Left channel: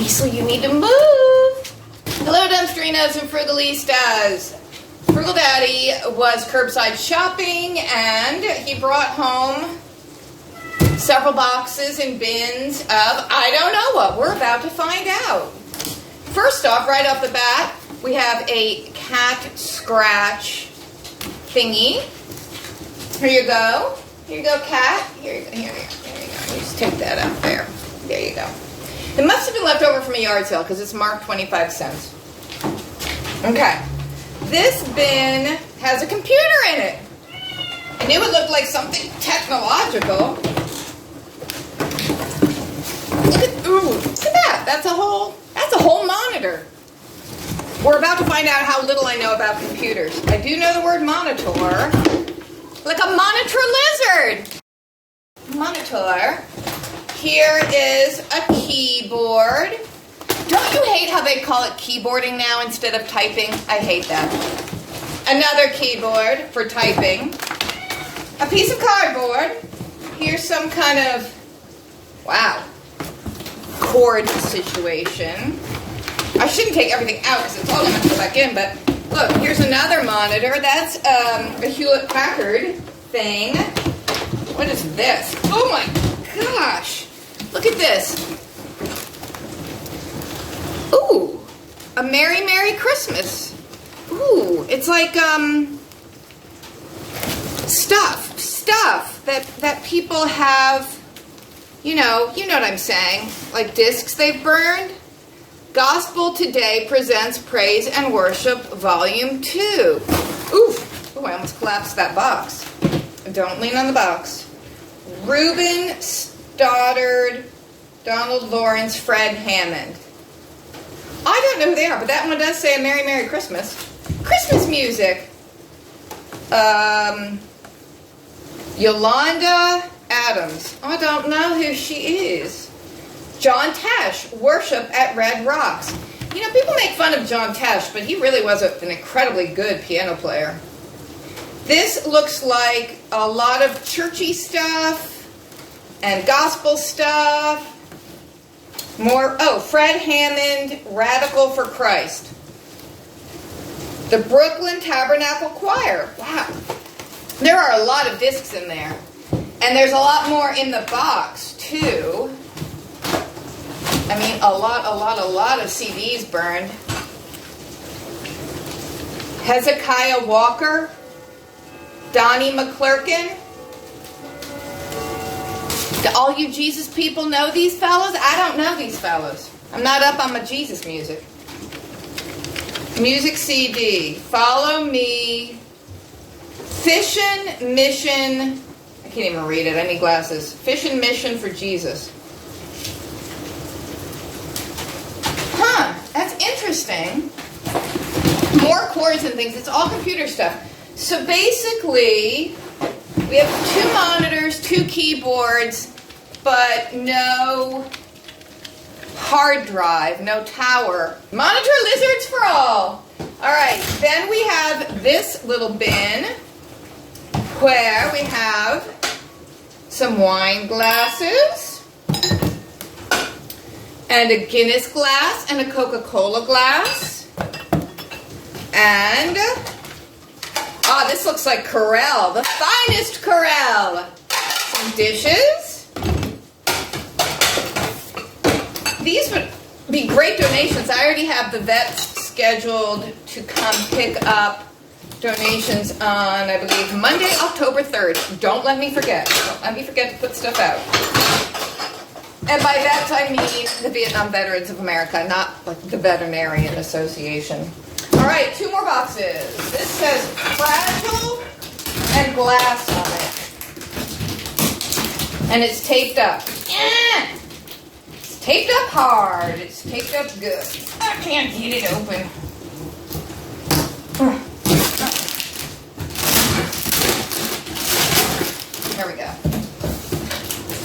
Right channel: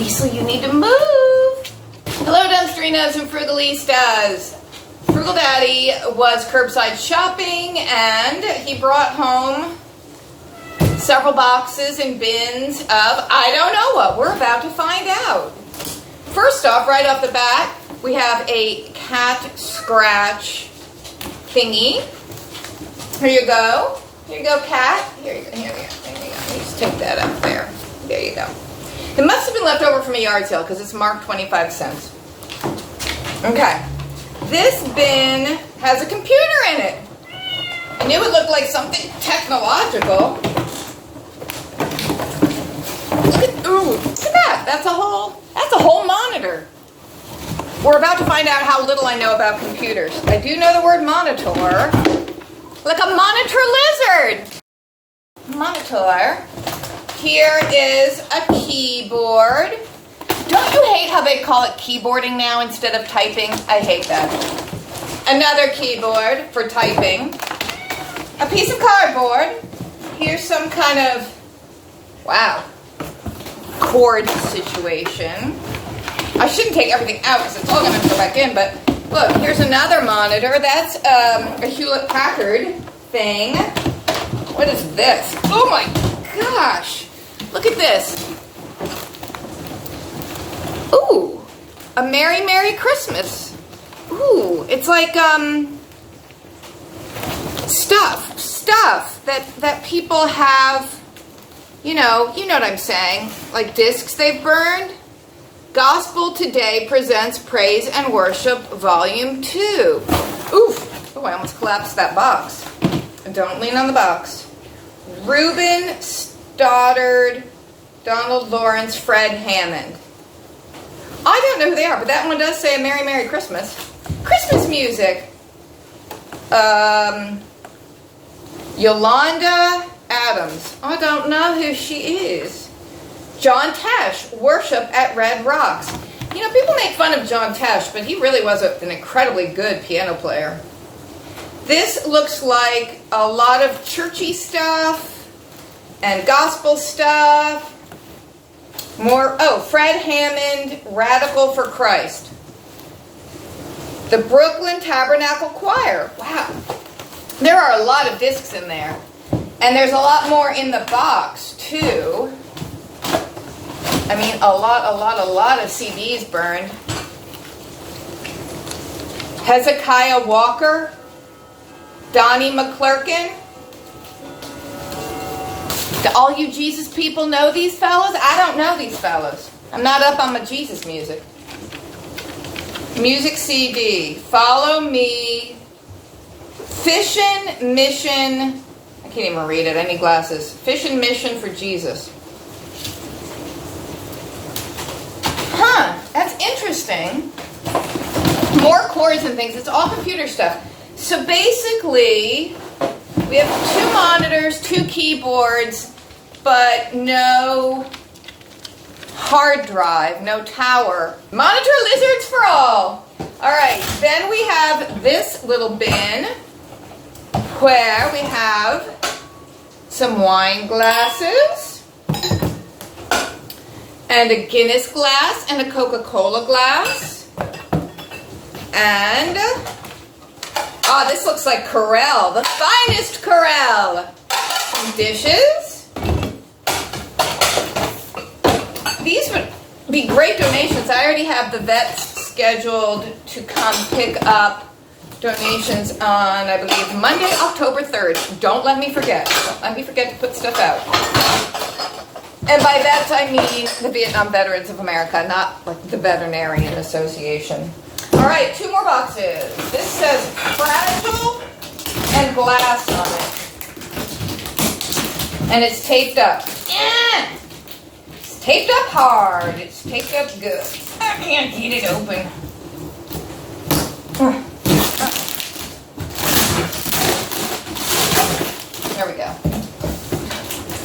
Liesl, you need to move. Hello, Dumpsterinos and Frugalistas. Frugal Daddy was curbside shopping and he brought home several boxes and bins of I don't know what. We're about to find out. First off, right off the bat, we have a cat scratch thingy. Here you go. Here you go, cat. Here you go. Here you go. There you go. Let me just take that up there. There you go. It must have been left over from a yard sale because it's marked 25 cents. Okay. This bin has a computer in it. I knew it looked like something technological. Ooh, look at that. That's a whole monitor. We're about to find out how little I know about computers. I do know the word monitor. Like a monitor lizard. Monitor. Here is a keyboard. Don't you hate how they call it keyboarding now instead of typing? I hate that. Another keyboard for typing. A piece of cardboard. Here's some kind of, wow, cord situation. I shouldn't take everything out because it's all going to go back in, but look, here's another monitor. That's a Hewlett-Packard thing. What is this? Oh my gosh. Look at this. Ooh, a Merry Merry Christmas. Ooh, it's like stuff that people have, you know what I'm saying, like discs they've burned. Gospel Today presents Praise and Worship Volume 2. Oof, oh, I almost collapsed that box. Don't lean on the box. Reuben Stoddard, Donald Lawrence, Fred Hammond. I don't know who they are, but that one does say a Merry Merry Christmas. Christmas music. Yolanda Adams. I don't know who she is. John Tesh, Worship at Red Rocks. You know, people make fun of John Tesh, but he really was an incredibly good piano player. This looks like a lot of churchy stuff and gospel stuff. More, Fred Hammond, Radical for Christ. The Brooklyn Tabernacle Choir. Wow. There are a lot of discs in there. And there's a lot more in the box, too. I mean, a lot of CDs burned. Hezekiah Walker. Donnie McClurkin. Do all you Jesus people know these fellas? I don't know these fellas. I'm not up on my Jesus music. Music CD. Follow Me. Fishin' Mission. I can't even read it. I need glasses. Fishin' Mission for Jesus. Huh. That's interesting. More cords and things. It's all computer stuff. So basically, we have 2 monitors, 2 keyboards, but no hard drive, no tower. Monitor lizards for all. All right, then we have this little bin where we have some wine glasses and a Guinness glass and a Coca-Cola glass. And this looks like Corelle, the finest Corelle. Some dishes. These would be great donations. I already have the vets scheduled to come pick up donations on, I believe, Monday, October 3rd. Don't let me forget. Don't let me forget to put stuff out. And by that I mean the Vietnam Veterans of America, not like the Veterinarian Association. All right, 2 more boxes. This says Fragile and glass on it. And it's taped up. It's taped up hard. It's taped up good. I can't get it open. There we go.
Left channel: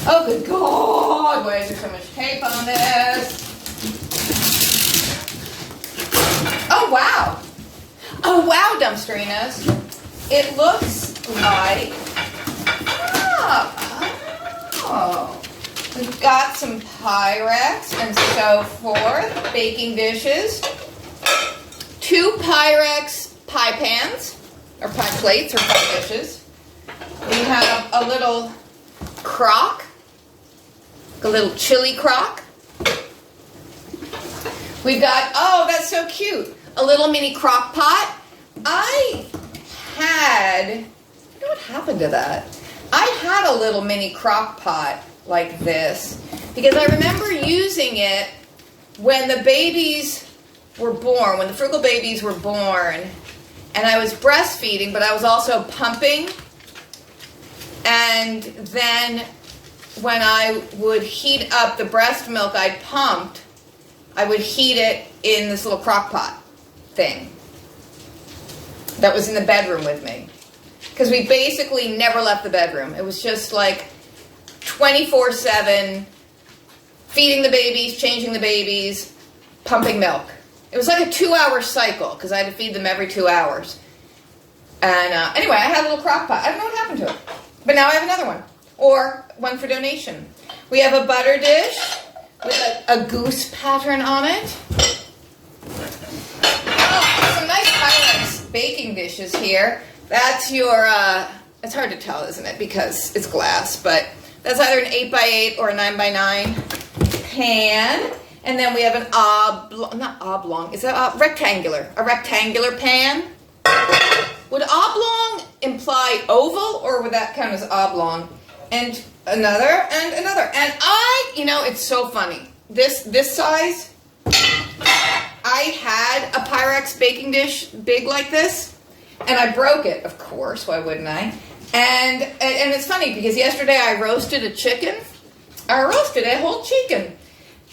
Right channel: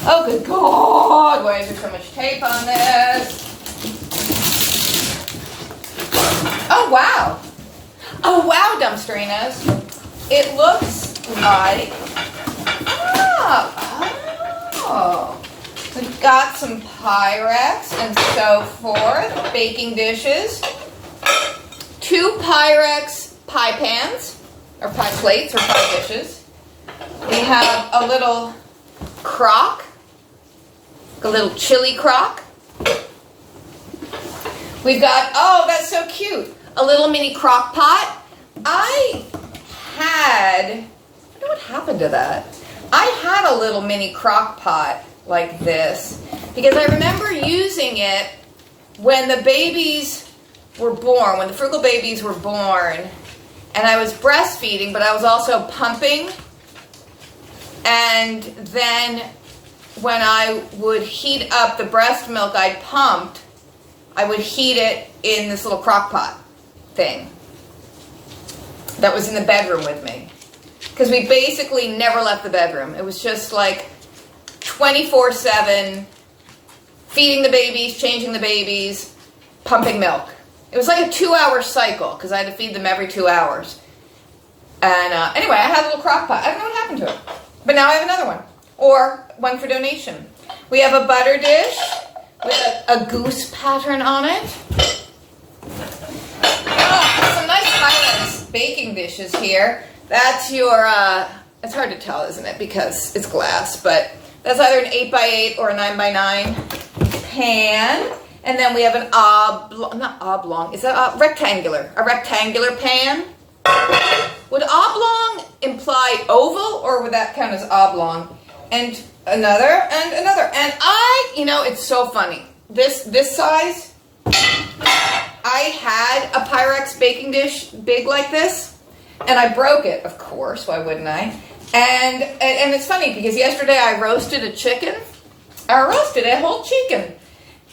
Oh, good God. Why is there so much tape on this? Oh, wow. Oh, wow, Dumpsterinos. It looks like, We've got some Pyrex and so forth, baking dishes, 2 Pyrex pie pans, or pie plates, or pie dishes. We have a little crock, a little chili crock. We've got, oh, that's so cute, a little mini crock pot. I don't know what happened to that. I had a little mini crock pot like this because I remember using it when the babies were born, when the Frugal babies were born, and I was breastfeeding, but I was also pumping. And then when I would heat up the breast milk I'd pumped, I would heat it in this little crock pot thing that was in the bedroom with me. Because we basically never left the bedroom. It was just like 24/7, feeding the babies, changing the babies, pumping milk. It was like a 2-hour cycle because I had to feed them every 2 hours. And anyway, I had a little crock pot. I don't know what happened to it. But now I have another one. Or one for donation. We have a butter dish with a goose pattern on it. Oh, some nice Pyrex baking dishes here. That's your, it's hard to tell, isn't it? Because it's glass, but that's either an 8x8 or a 9x9 pan. And then we have an not oblong, it's a rectangular pan. Would oblong imply oval, or would that count as oblong? And another, and another. And it's so funny. This size, I had a Pyrex baking dish big like this, and I broke it, of course, why wouldn't I? And it's funny because yesterday I roasted a chicken. I roasted a whole chicken.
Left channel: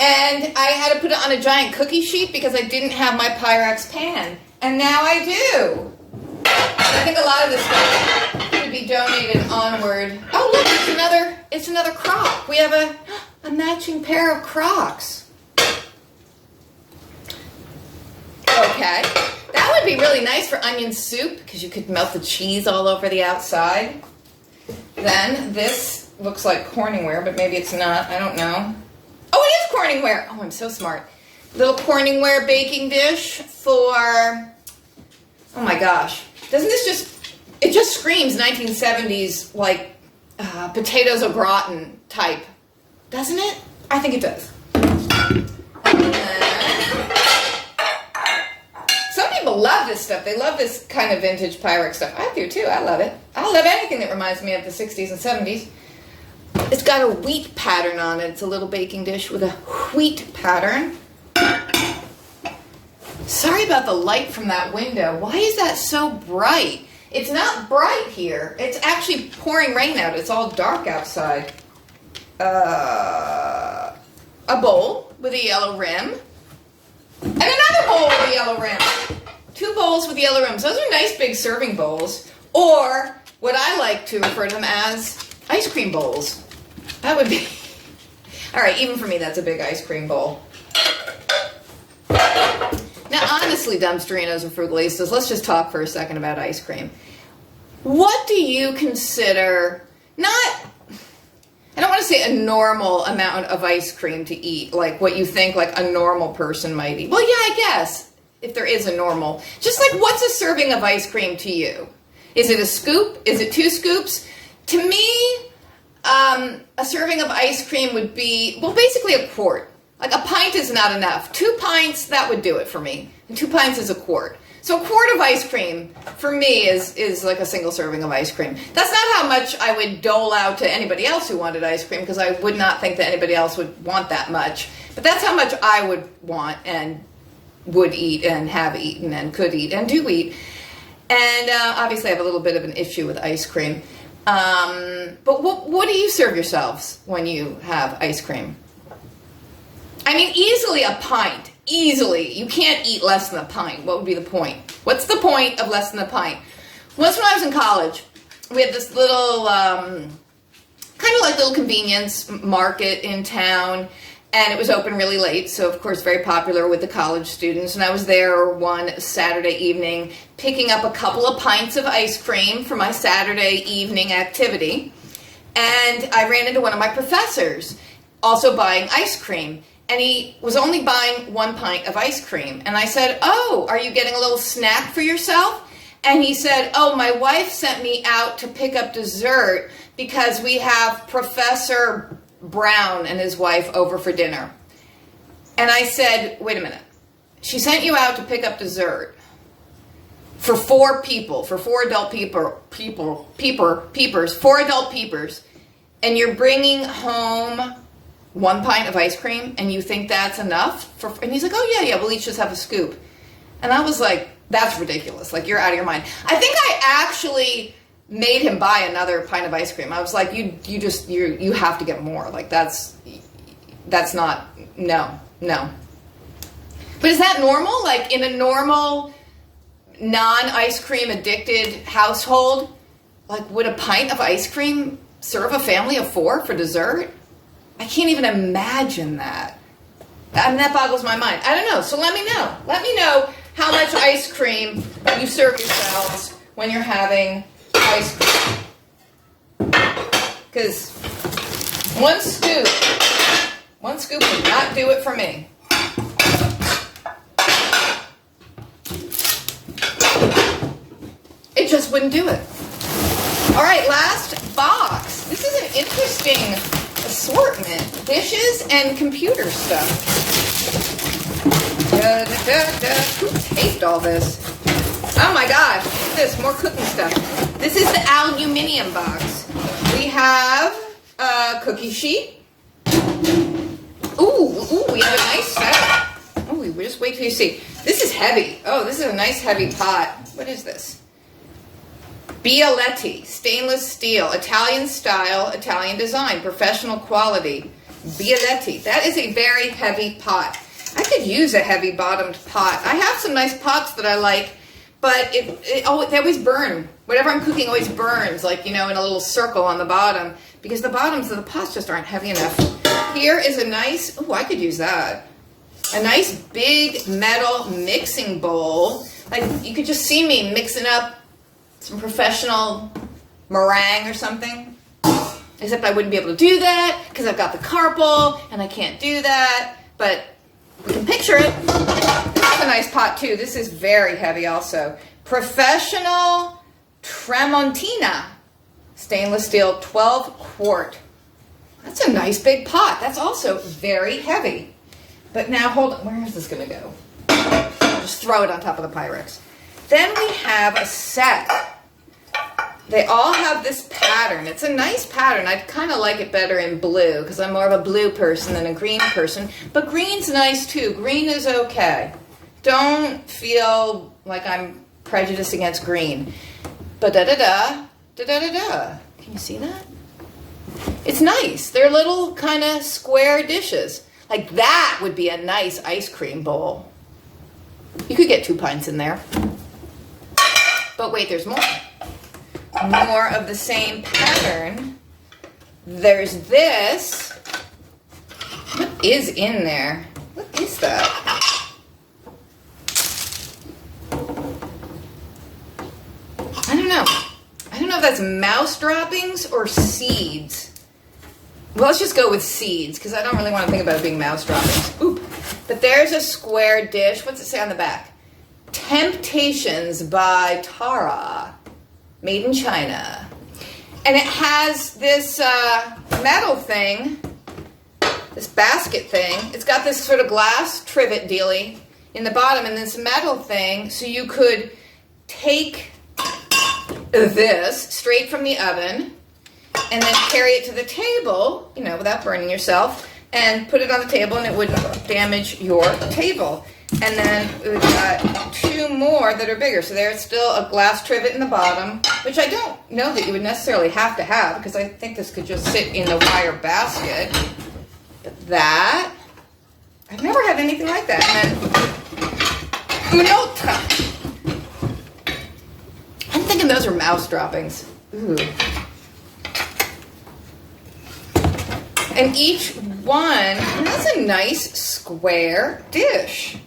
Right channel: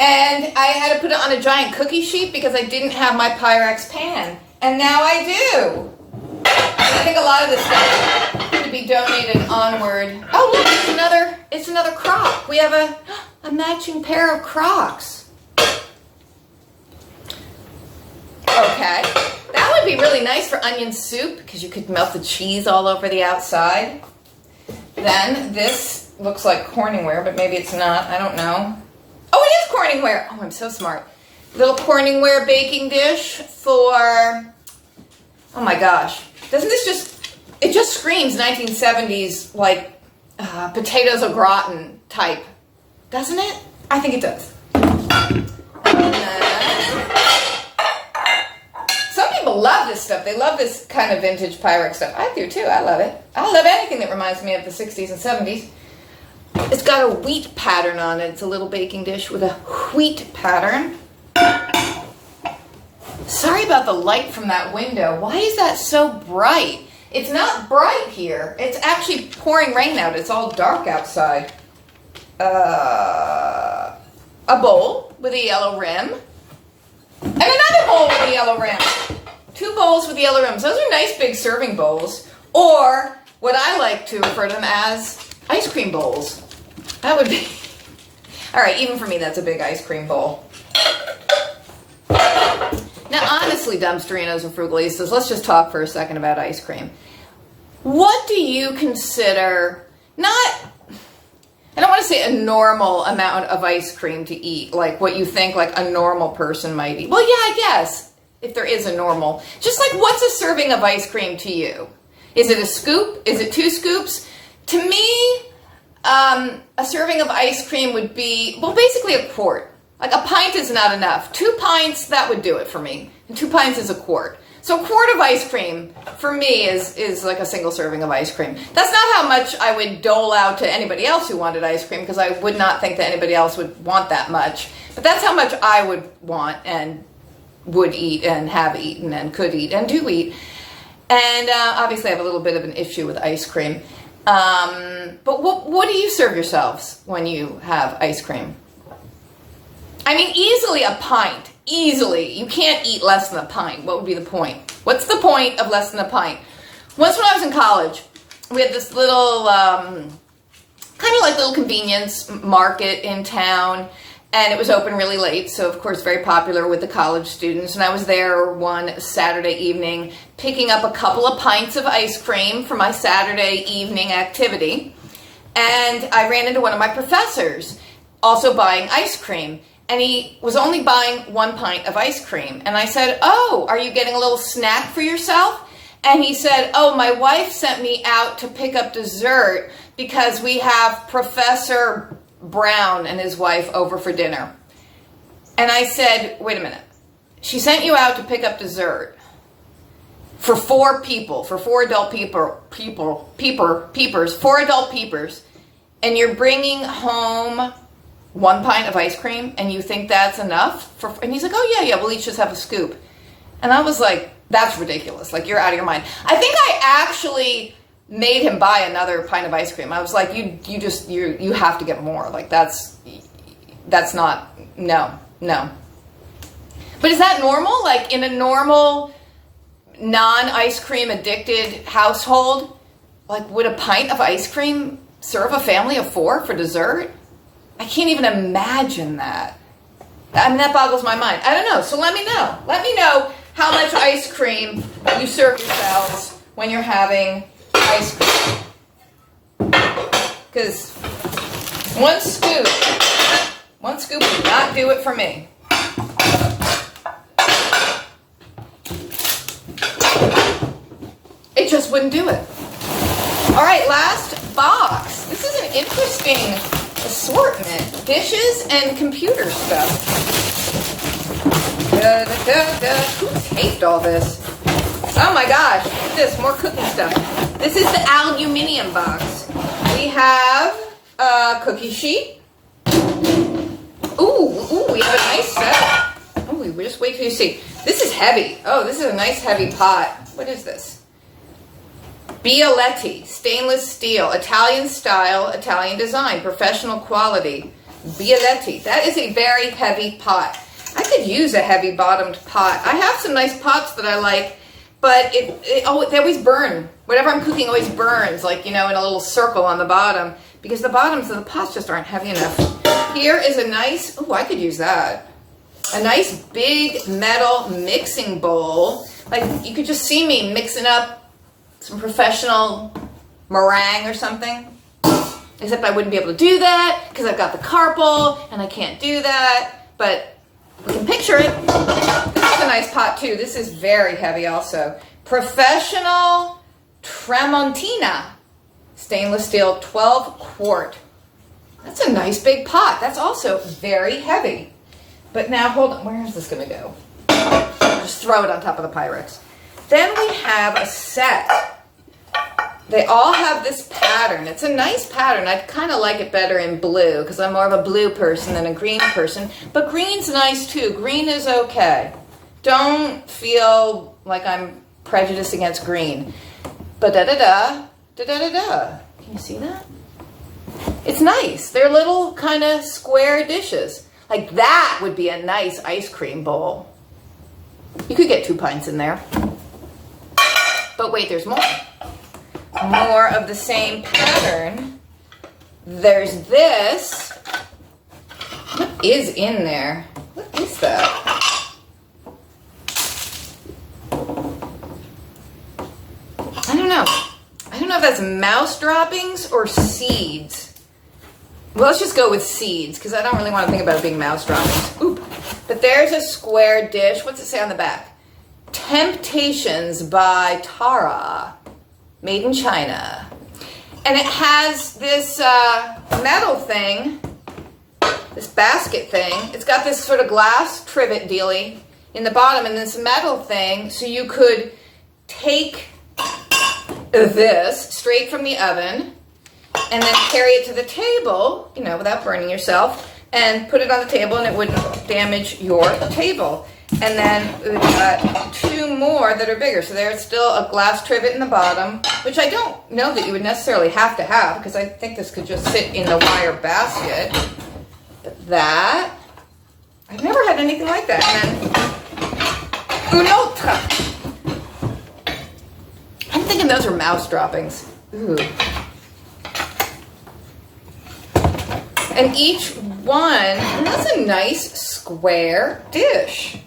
And I had to put it on a giant cookie sheet because I didn't have my Pyrex pan. And now I do. And I think a lot of this stuff could be donated onward. Oh, look, it's another crock. We have a matching pair of crocks. Okay. That would be really nice for onion soup because you could melt the cheese all over the outside. Then this looks like Corningware, but maybe it's not. I don't know. Oh, it is Corningware. Oh, I'm so smart. Little Corningware baking dish for, oh my gosh. Doesn't this it just screams 1970s, like, potatoes au gratin type. Doesn't it? I think it does. And then, some people love this stuff. They love this kind of vintage Pyrex stuff. I do too. I love it. I love anything that reminds me of the 60s and 70s. It's got a wheat pattern on it. It's a little baking dish with a wheat pattern. Sorry about the light from that window. Why is that so bright? It's not bright here. It's actually pouring rain out. It's all dark outside. A bowl with a yellow rim. And another bowl with a yellow rim. 2 bowls with yellow rims. Those are nice big serving bowls. Or what I like to refer to them as ice cream bowls. That would be... All right, even for me, that's a big ice cream bowl. Now, honestly, dumpsterinos and frugalistas, let's just talk for a second about ice cream. What do you consider I don't want to say a normal amount of ice cream to eat, like what you think like a normal person might eat. Well, yeah, I guess, if there is a normal. Just like, what's a serving of ice cream to you? Is it a scoop? Is it 2 scoops? To me, a serving of ice cream would be, well, basically a quart. Like a pint is not enough. 2 pints, that would do it for me. And 2 pints is a quart. So a quart of ice cream, for me, is like a single serving of ice cream. That's not how much I would dole out to anybody else who wanted ice cream, because I would not think that anybody else would want that much. But that's how much I would want and would eat and have eaten and could eat and do eat. And obviously I have a little bit of an issue with ice cream. But what do you serve yourselves when you have ice cream? I mean, easily a pint. Easily. You can't eat less than a pint. What would be the point? What's the point of less than a pint? Once when I was in college, we had this little, kind of like little convenience market in town, and it was open really late, so of course very popular with the college students. And I was there one Saturday evening picking up a couple of pints of ice cream for my Saturday evening activity. And I ran into one of my professors. also buying ice cream. And he was only buying 1 pint of ice cream. And I said, oh, are you getting a little snack for yourself? And he said, oh, my wife sent me out to pick up dessert because we have Professor Brown and his wife over for dinner. And I said, wait a minute. She sent you out to pick up dessert for 4 people, for 4 adult peepers, 4 adult peepers, and you're bringing home 1 pint of ice cream, and you think that's enough? And he's like, oh, yeah, we'll each just have a scoop. And I was like, that's ridiculous. Like, you're out of your mind. I think I actually made him buy another pint of ice cream. I was like, you have to get more. Like, that's not, no. But is that normal? Like, in a normal, non-ice cream addicted household, like, would a pint of ice cream serve a family of 4 for dessert? I can't even imagine that. I mean, that boggles my mind. I don't know. So let me know. Let me know how much ice cream you serve yourselves when you're having ice cream. Because 1 scoop would not do it for me. It just wouldn't do it. All right, last box. This is an interesting assortment. Dishes and computer stuff. Who taped all this? Oh my gosh, look at this, more cooking stuff. This is the aluminium box. We have a cookie sheet. Ooh, we have a nice setup. Oh, we just wait till you see. This is heavy. Oh, this is a nice heavy pot. What is this? Bialetti, stainless steel, Italian style, Italian design, professional quality. Bialetti. That is a very heavy pot. I could use a heavy bottomed pot. I have some nice pots that I like, but they always burn. Whatever I'm cooking always burns, like, in a little circle on the bottom, because the bottoms of the pots just aren't heavy enough. Here is a nice, I could use that. A nice big metal mixing bowl. Like, you could just see me mixing up some professional meringue or something. Except I wouldn't be able to do that because I've got the carpal and I can't do that. But you can picture it. This is a nice pot too. This is very heavy also. Professional Tramontina. Stainless steel 12 quart. That's a nice big pot. That's also very heavy. But now hold on. Where is this going to go? Just throw it on top of the Pyrex. Then we have a set. They all have this pattern. It's a nice pattern. I kind of like it better in blue because I'm more of a blue person than a green person. But green's nice too. Green is okay. Don't feel like I'm prejudiced against green. But da-da-da, da-da-da-da. Can you see that? It's nice. They're little kind of square dishes. Like that would be a nice ice cream bowl. You could get 2 pints in there. But wait, there's more. More of the same pattern. There's this. What is in there? What is that? I don't know. I don't know if that's mouse droppings or seeds. Well, let's just go with seeds because I don't really want to think about it being mouse droppings. Oop. But there's a square dish. What's it say on the back? Temptations by Tara. Made in China. And it has this metal thing, this basket thing. It's got this sort of glass trivet dealy in the bottom and this metal thing, so you could take this straight from the oven and then carry it to the table, without burning yourself, and put it on the table and it wouldn't damage your table. And then we've got 2 more that are bigger. So there's still a glass trivet in the bottom, which I don't know that you would necessarily have to have because I think this could just sit in the wire basket. But that, I've never had anything like that. And then une autre. I'm thinking those are mouse droppings. Ooh. And each one, and that's a nice square dish.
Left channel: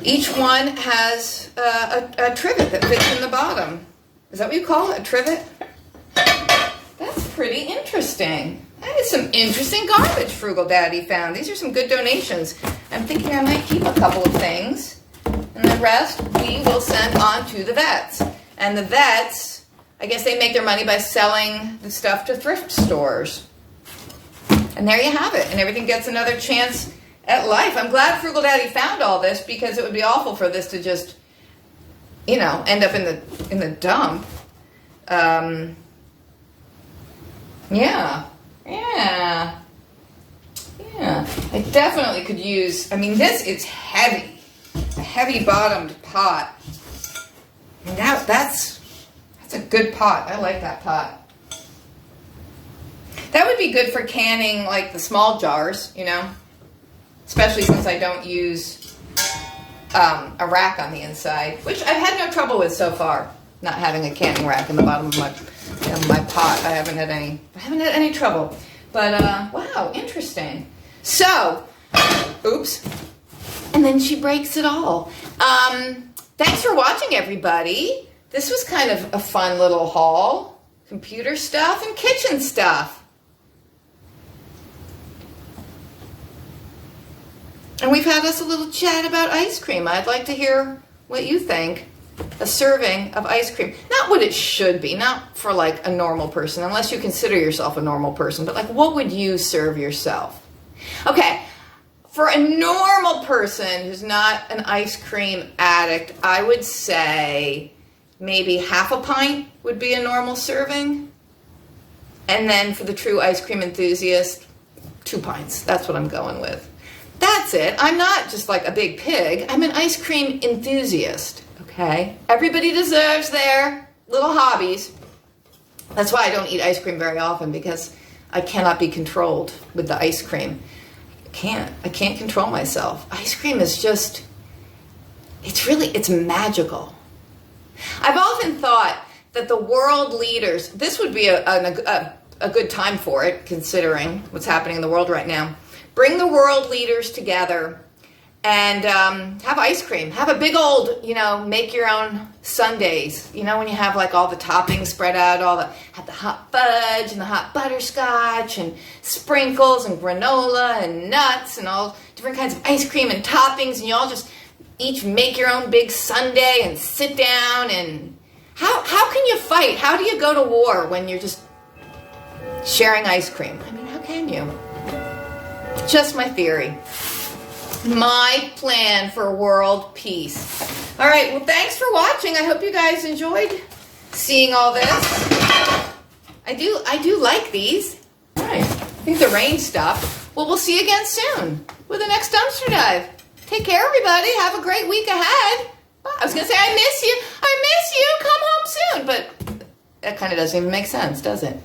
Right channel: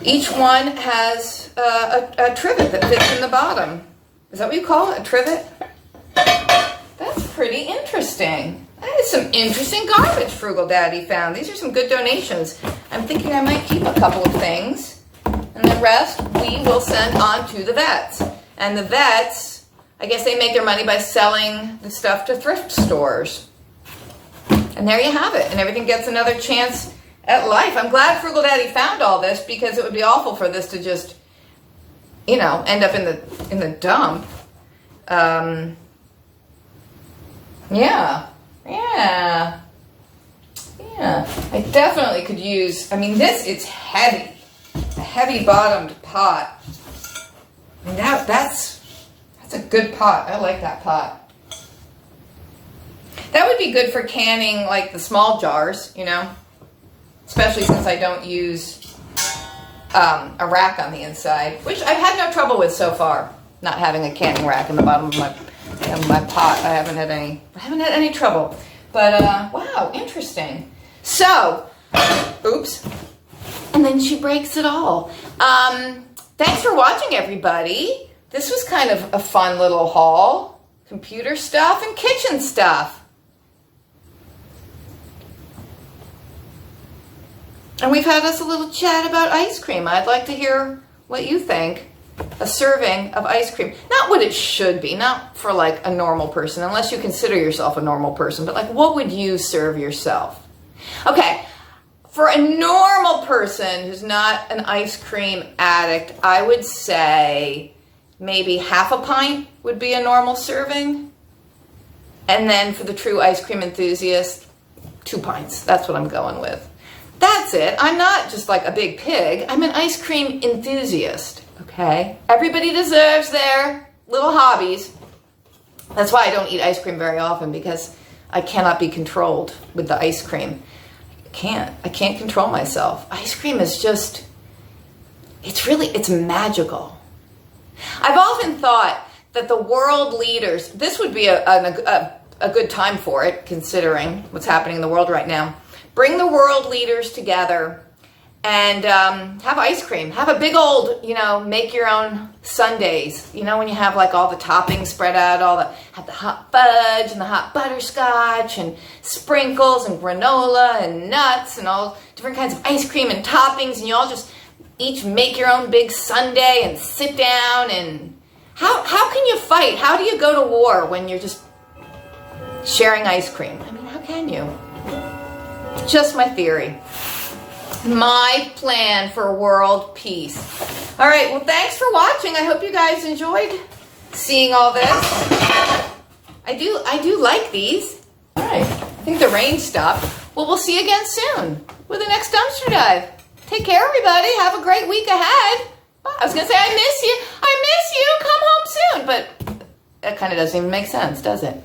Each one has a trivet that fits in the bottom. Is that what you call it, a trivet? That's pretty interesting. That is some interesting garbage Frugal Daddy found. These are some good donations. I'm thinking I might keep a couple of things, and the rest we will send on to the vets. And the vets, I guess they make their money by selling the stuff to thrift stores. And there you have it. And everything gets another chance at life. I'm glad Frugal Daddy found all this, because it would be awful for this to just, you know, end up in the dump. Yeah. I definitely could use, I mean, this is heavy. A heavy bottomed pot. And that's a good pot. I like that pot. That would be good for canning like the small jars, you know, especially since I don't use a rack on the inside, which I've had no trouble with so far. Not having a canning rack in the bottom of my pot. I haven't had any trouble. But wow, interesting. So, oops. And then she breaks it all. Thanks for watching, everybody. This was kind of a fun little haul. Computer stuff and kitchen stuff. And we've had us a little chat about ice cream. I'd like to hear what you think. A serving of ice cream. Not what it should be, not for like a normal person, unless you consider yourself a normal person, but like what would you serve yourself? Okay, for a normal person who's not an ice cream addict, I would say maybe half a pint would be a normal serving. And then for the true ice cream enthusiast, 2 pints. That's what I'm going with. That's it. I'm not just like a big pig. I'm an ice cream enthusiast. Okay? Everybody deserves their little hobbies. That's why I don't eat ice cream very often, because I cannot be controlled with the ice cream. I can't control myself. Ice cream is just, it's magical. I've often thought that the world leaders, this would be a good time for it, considering what's happening in the world right now. Bring the world leaders together and have ice cream. Have a big old, make your own sundaes. You know, when you have like all the toppings spread out, have the hot fudge and the hot butterscotch and sprinkles and granola and nuts and all different kinds of ice cream and toppings, and you all just each make your own big sundae and sit down. And how can you fight? How do you go to war when you're just sharing ice cream? I mean, how can you? Just my theory. My plan for world peace. All right, well, thanks for watching. I hope you guys enjoyed seeing all this. I do like these. All right, I think the rain stopped. Well, we'll see you again soon with the next dumpster dive. Take care, everybody. Have a great week ahead. I was going to say, I miss you. Come home soon. But that kind of doesn't even make sense, does it?